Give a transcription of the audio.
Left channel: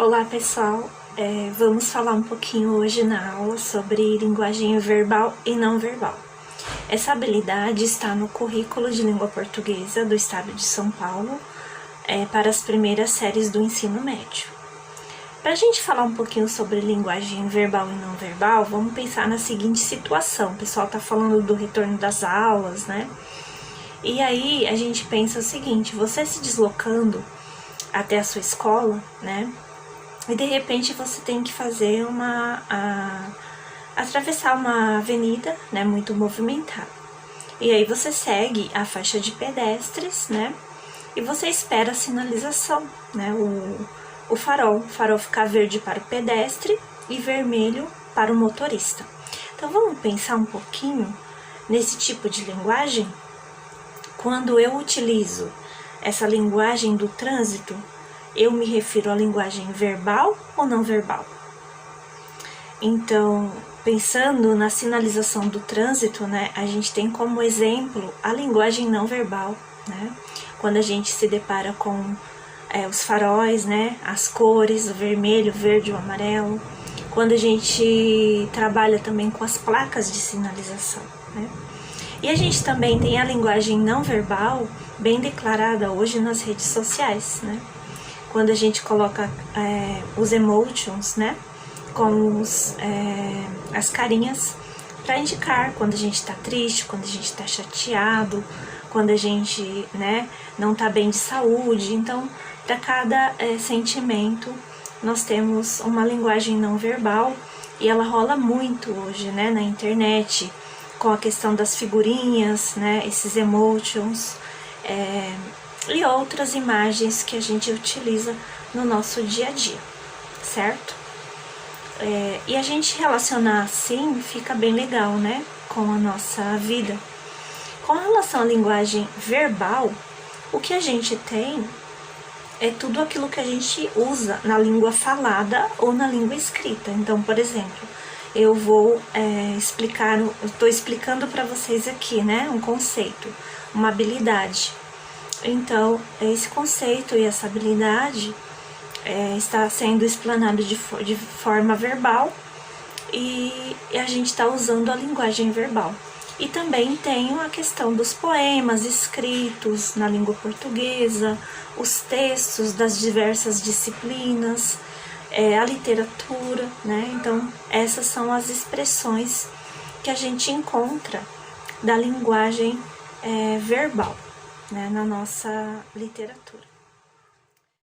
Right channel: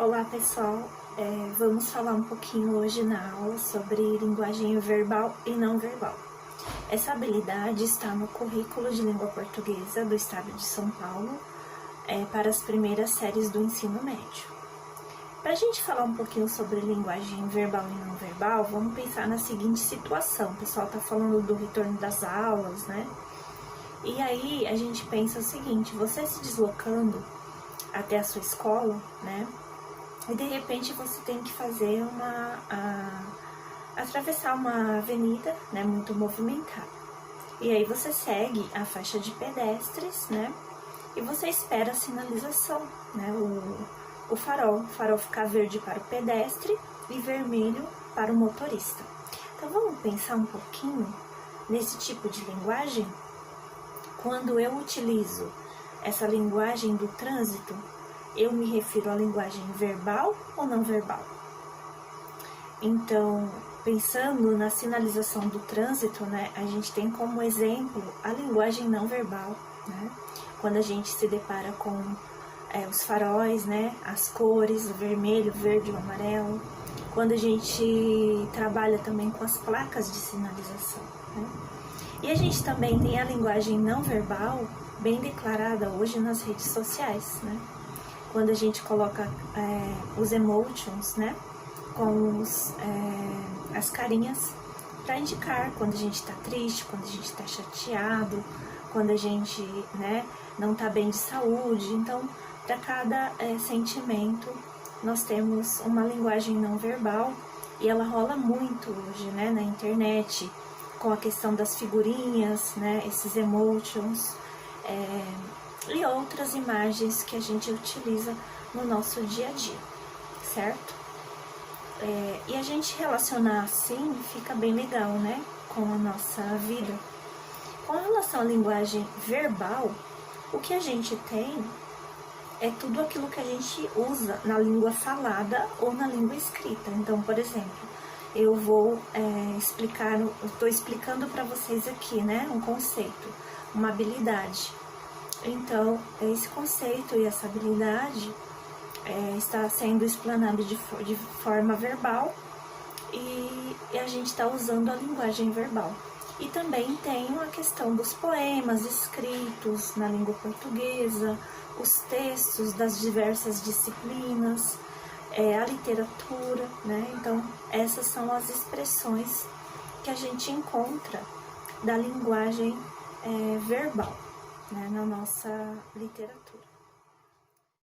Olá pessoal, vamos falar um pouquinho hoje na aula sobre linguagem verbal e não verbal. Essa habilidade está no currículo de língua portuguesa do estado de São Paulo para as primeiras séries do ensino médio. Para a gente falar um pouquinho sobre linguagem verbal e não verbal, vamos pensar na seguinte situação. O pessoal está falando do retorno das aulas, né? E aí a gente pensa o seguinte: você se deslocando até a sua escola, né? E de repente você tem que fazer atravessar uma avenida, né, muito movimentada. E aí você segue a faixa de pedestres, né, e você espera a sinalização, né, o farol ficar verde para o pedestre e vermelho para o motorista. Então vamos pensar um pouquinho nesse tipo de linguagem. Quando eu utilizo essa linguagem do trânsito, eu me refiro à linguagem verbal ou não verbal? Então, pensando na sinalização do trânsito, né, a gente tem como exemplo a linguagem não verbal, né? Quando a gente se depara com os faróis, né, as cores, o vermelho, o verde, o amarelo. Quando a gente trabalha também com as placas de sinalização, né? E a gente também tem a linguagem não verbal bem declarada hoje nas redes sociais, né? Quando a gente coloca os emotions, né, com as carinhas para indicar quando a gente está triste, quando a gente está chateado, quando a gente, né, não está bem de saúde. Então, para cada sentimento, nós temos uma linguagem não verbal e ela rola muito hoje, né, na internet, com a questão das figurinhas, né, esses emotions, e outras imagens que a gente utiliza no nosso dia a dia, certo? E a gente relacionar assim fica bem legal, né, com a nossa vida. Com relação à linguagem verbal, o que a gente tem é tudo aquilo que a gente usa na língua falada ou na língua escrita. Então, por exemplo, eu vou estou explicando para vocês aqui, né, um conceito, uma habilidade. Então, esse conceito e essa habilidade está sendo explanado de forma verbal e a gente está usando a linguagem verbal. E também tem a questão dos poemas escritos na língua portuguesa, os textos das diversas disciplinas, a literatura, né? Então, essas são as expressões que a gente encontra da linguagem verbal, né, na nossa literatura.